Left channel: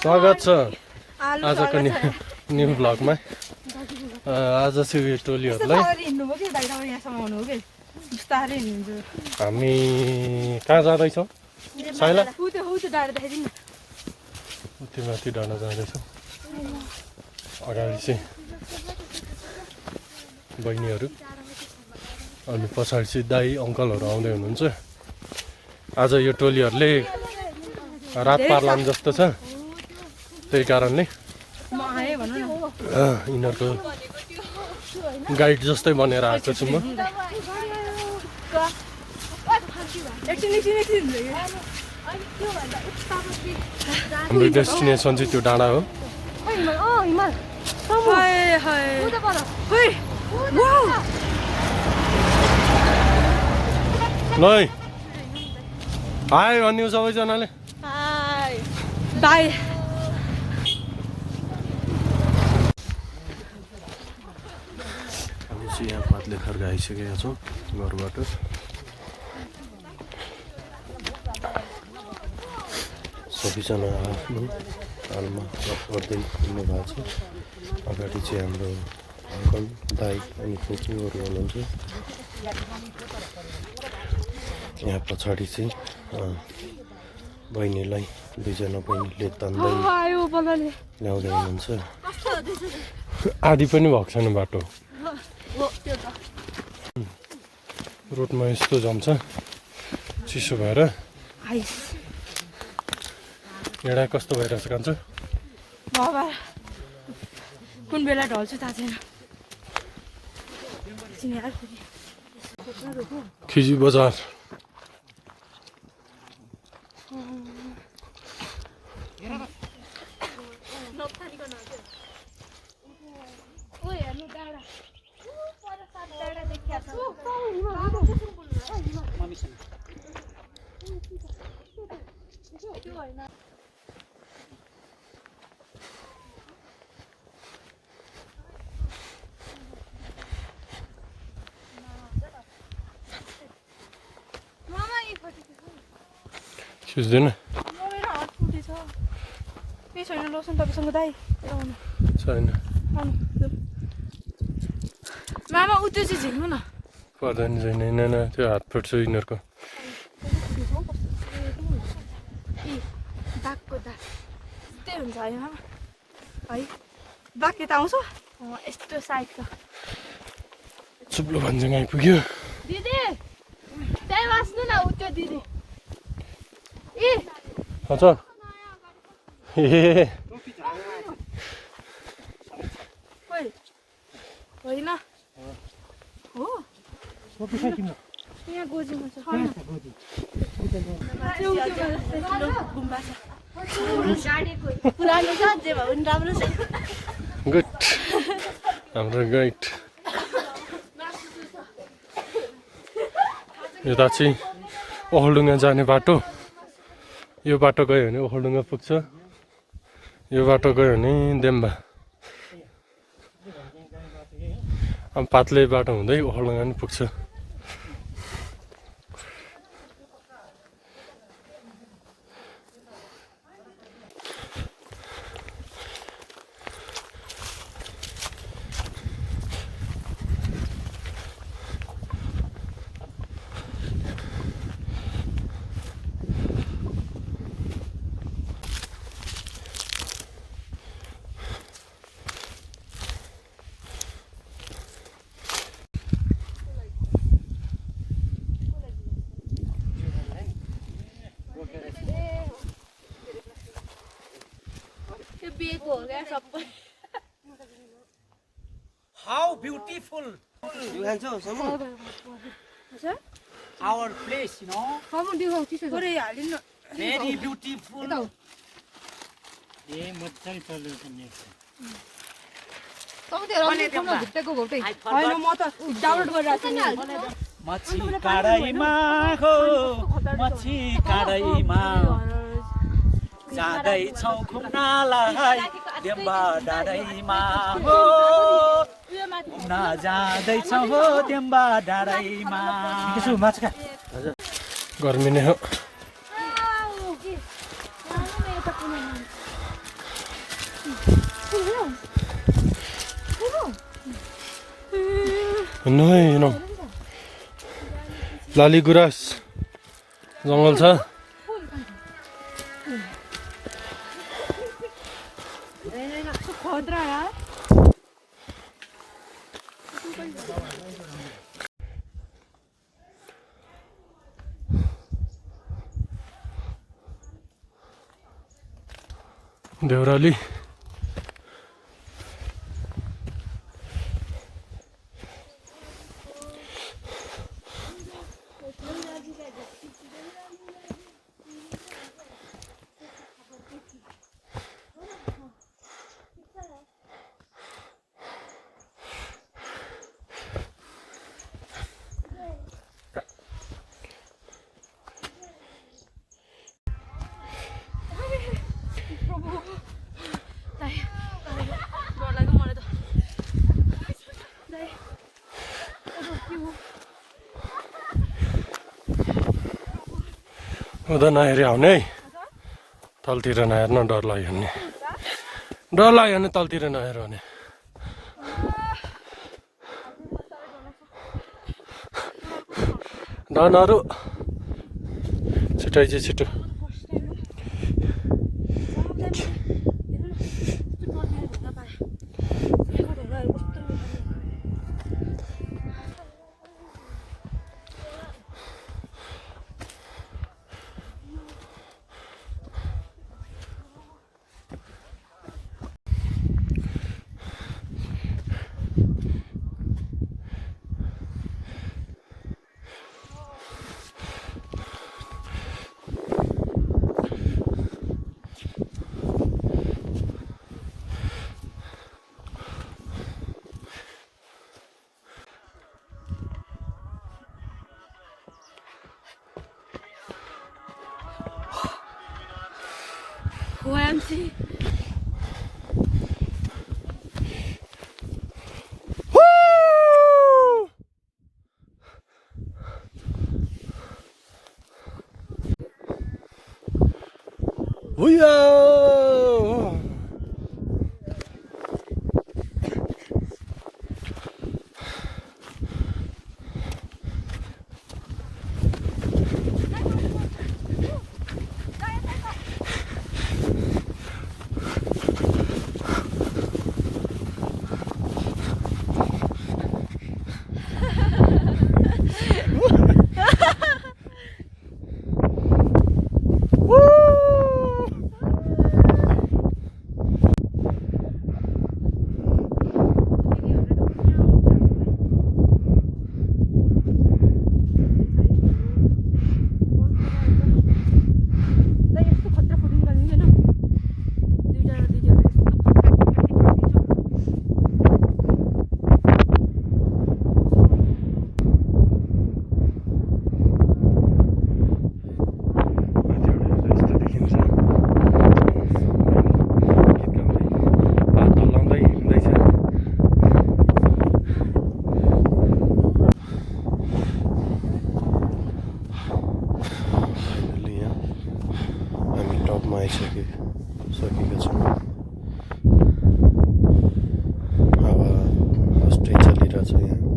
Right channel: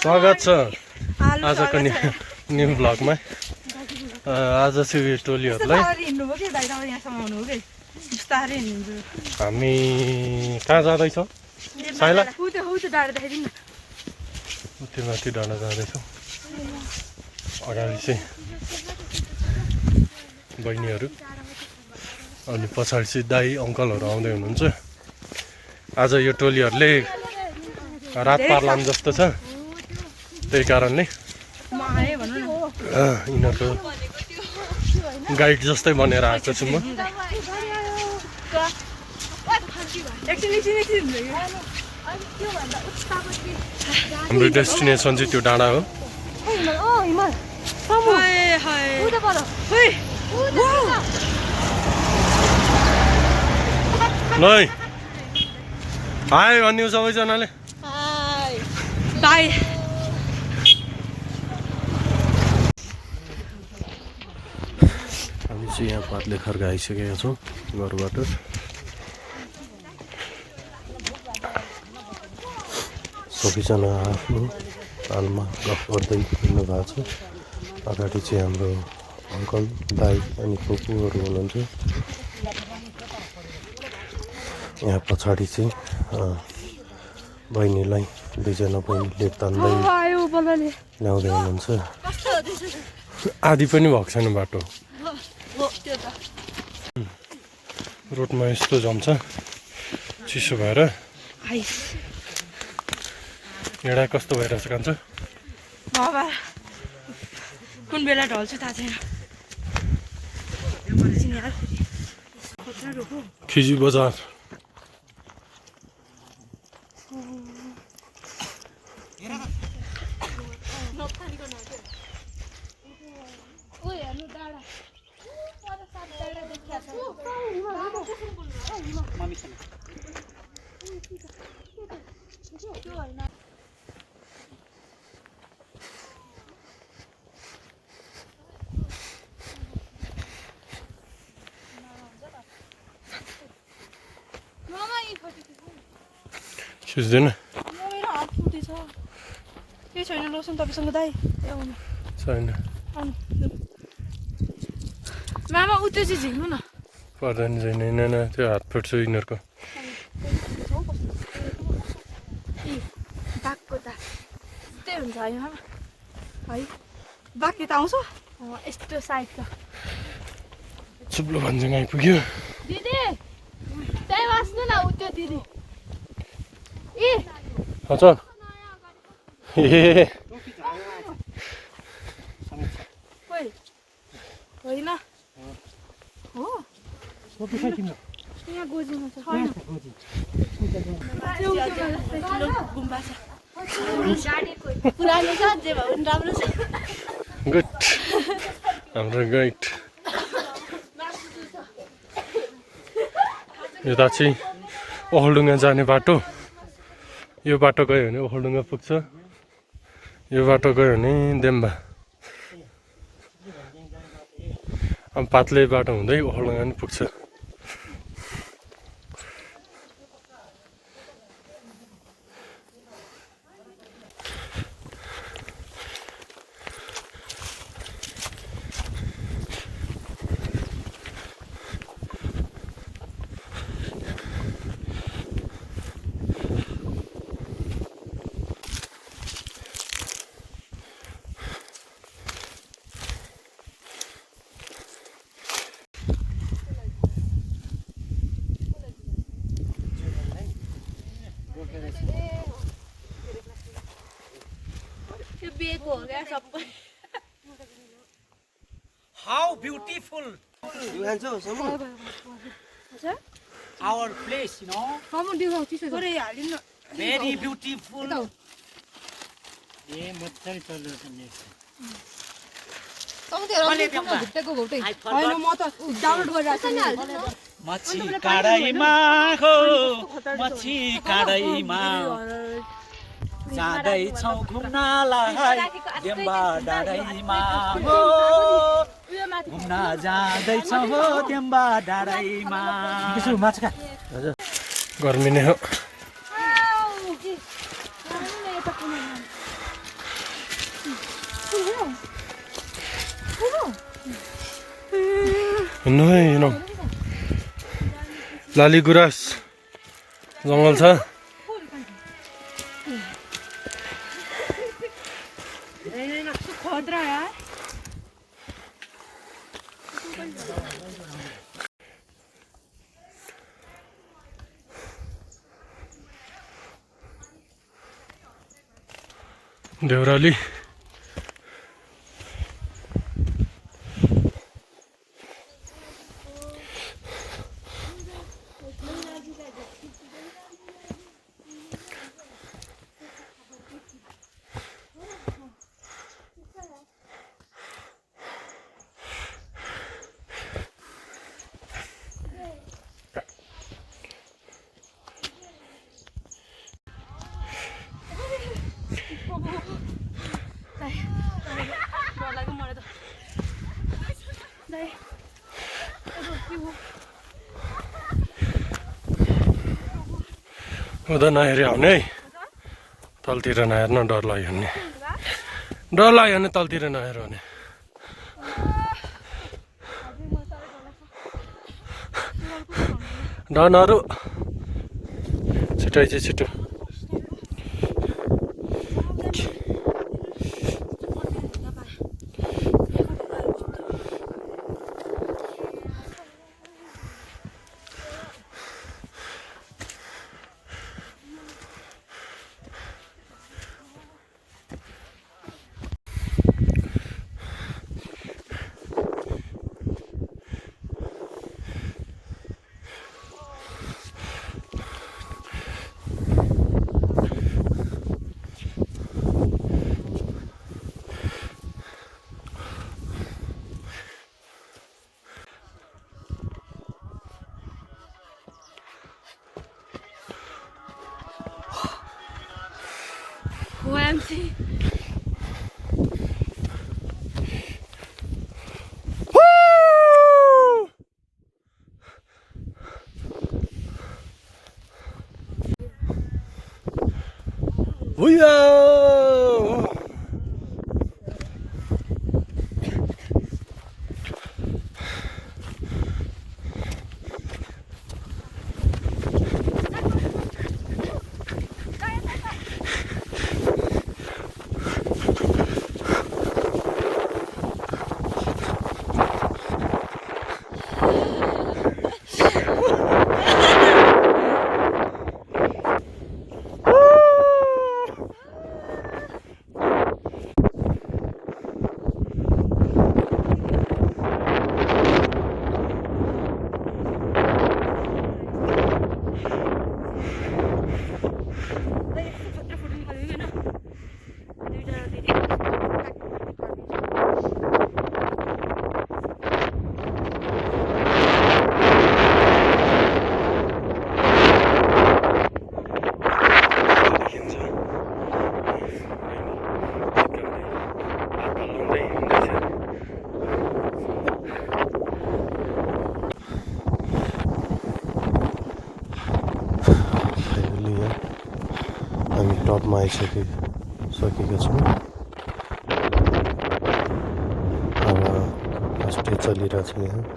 स्वागत छ आजको न्यू भ्लगमा। आज चाहिँ यो टोलीहरूलाई हामी कहाँ जाँदैछौँ? साइला त्यो माथि डाँडा जाँदैछौँ। अगाडि चाहिँ बहिनीहरू अनि पछाडि चाहिँ दाई अङ्कलहरू आउँदै हुनुहुन्छ। आज यो टोलीहरूले रात पार लाम जस्तो छ, त्यही कारणले यिनीहरूको गाइड जस्तै बनेर आएको छु म। हाम्रो डेस्टिनेसन चाहिँ त्यो डाँडा हो। ल हाई भन्यो सबैजनाले। बाई। हामी चाहिँ यहाँ पातले खर्क आइसकेका छौँ घरबाट। सबैजना आफ्नो तालमा गफ गर्दै हिँड्नु भएको छ। अगाडि चाहिँ हाम्रो अङ्कल दाई अनि फुपूहरू हुनुहुन्छ। यहाँ पछाडि चाहिँ बहिनीलाई दुईजना बहिनीले तान्दै ल्याउँदै हुनुहुन्छ। आधी पनि भएको छैन बाटो। रोडमा यस्तो जम्छ चिसो भएर। हिँडा कस्तो भइरहेछ कान्छ? कुन बेला ढल्छु थाहा छैन। खिजी बजार खिच्दैन छैन लोसन तपाईँसँग दाइ छैन। मामा उता चाहिँ झिक्नु न पर्दैन छैन त्यो हात फुट्छ यिनीहरूको। बाघको त त्यही हुन्छ होइन है। बाघ यता आउँछ यस्तो साइडको चुप्लो भन्जेमा आइपुग्यो। दिदी त्यही बाँच्नु न उता दिदी हजुर ए होइन हो यहाँ गोजीमा छ गुम्बा छ पुरानो छ जे भए पनि राम्रो छ। गुड हाम्रो गाइड। यता चाहिँ ओखलढुङ्गा जाने बाटो। यो बाटो गयो भने ओखलढुङ्गा पुग्छ, यो बाटो गयो भने देम्बा। अब पातले बाटो हुँदै ओखलढुङ्गा पनि पुग्छ। How beautiful our place, you know. Very beautiful. मच्छी काँडैमा हो मच्छी काँडैमा जाँदैछौँ घुम्नलाई देम्बा डाँडैमा हो घुम्न जाँदैछौँ हो देम्बा डाँडैमा। गर्मी नै हो। हिँड्नु है हिँडौँ लालीगुराँस जङ्गल छ देउराली उता नहेरी आउने है तलतिर नहेर्न डर लाग्यो भने तलतिर नहेर भने डनहरू छिटो चाहिँ छिटो OMG. हामी टपमा आइसकेका छौँ अब अस्ति चलिरहेछ यहाँ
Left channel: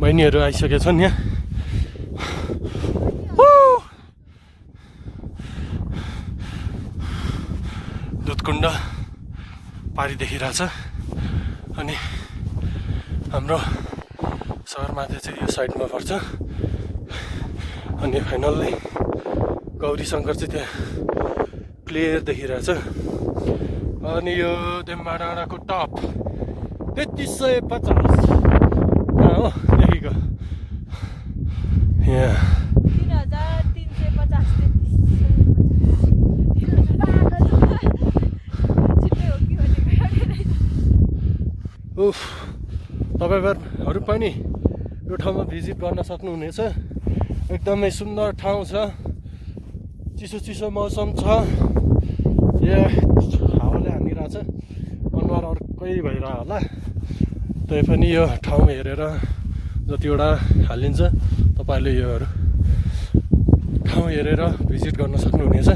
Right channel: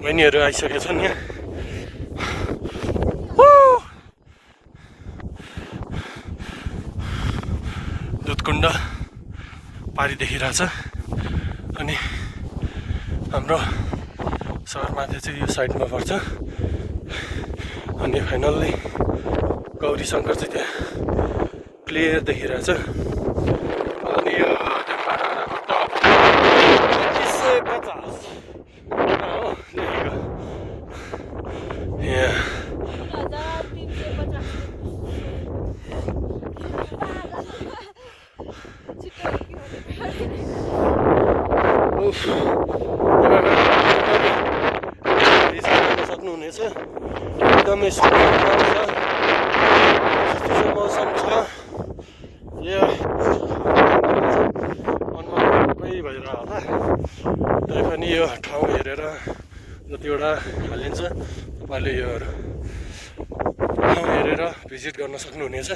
बहिनीहरू आइसकेका छन् यहाँ दुधकुण्ड पारी देखिरहेछ अनि हाम्रो सगरमाथा चाहिँ यो साइडमा पर्छ अनि फाइनल्ली गौरी शङ्कर चाहिँ त्यहाँ क्लियर देखिरहेछ अनि यो डेम्बाडाँडाको टप 3350 हो देखिको यहाँ उफ तपाईँहरू पनि भिजिट गर्न सक्नुहुनेछ एकदमै सुन्दर ठाउँ छ चिसो मौसम छ अनुहारकै भएर होला तै पनि यो ठाउँ हेरेर जतिवटा हालिन्छ तपाईँले यो ठाउँ हेरेर भिजिट गर्न सक्नुहुनेछ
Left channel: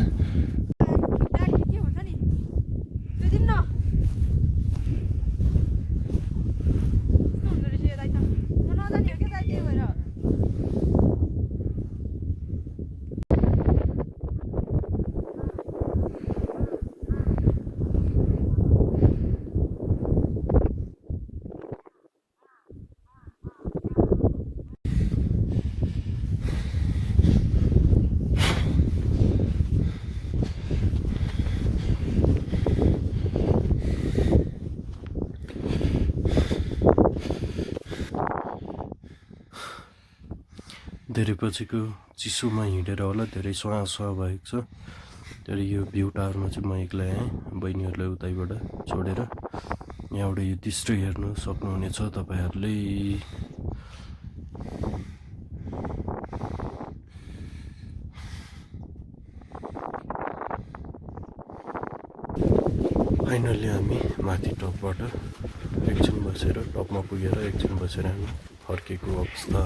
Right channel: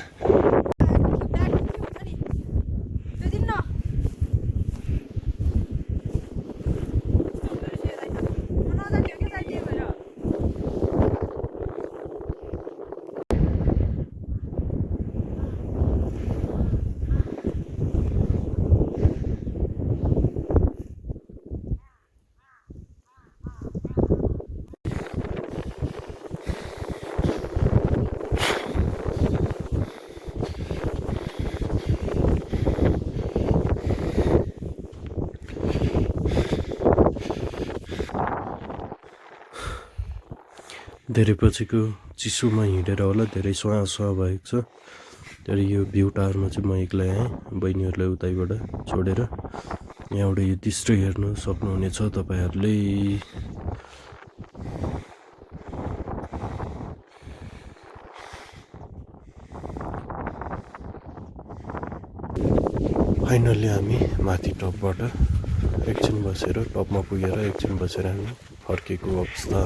धेरै पछिको चिसोमा हिँडेर होला धेरै सुहा भएको छ तर यो भ्यू टावरमा चाहिँ म एक्लै आएँ बहिनीहरूलाई उतैबाट छोडेर यहाँबाट यो दृश्य हेर्न सक्नुहुनेछ तपाईँहरूले फाइनल्ली हामी माथि टपबाट एकछिन बसेर टपमा पुगेर एकछिन बसेर हामी फर्केको अवस्था